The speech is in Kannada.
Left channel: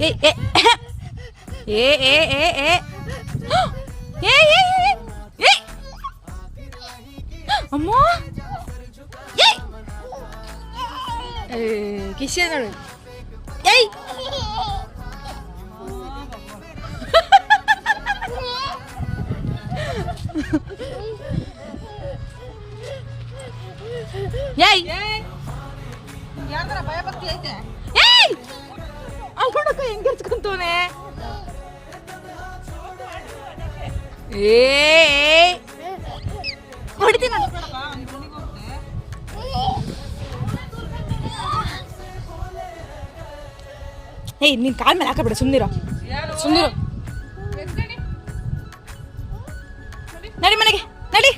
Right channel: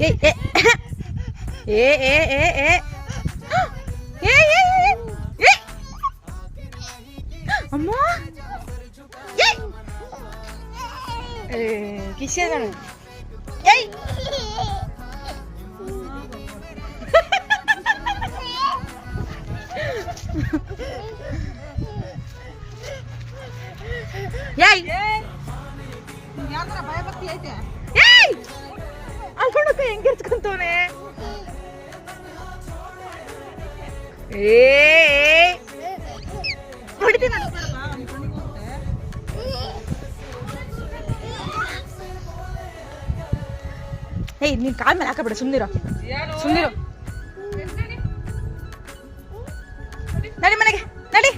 ಏಯ್ ಏ ಏ ಏ ಏ ಏ ಏ ಏ ಅಮ್ಮ ಕಿಶೆ ನೋಡು ಏಯ್ ಏಯ್ ಯಾಕಂದ್ರೆ ಭಯ ಭಕ್ತಿ ಐತೆ ಏಯ್ ಅಲ್ಲೋಡಕ್ಕ ಹೆಂಗ್ ಎರ್ಚ್ಕೊಂತವನೆ ಏ ಹೊಡಿತೀನಿ ಏಯ್ ನೀನ್ ಕಾಲ್ ಮೇಲೆ ಹಾಕಬೇಡ ಸುಮ್ನಿರೋ ನಡಿ ಮನೆಗೆ ನಡಿ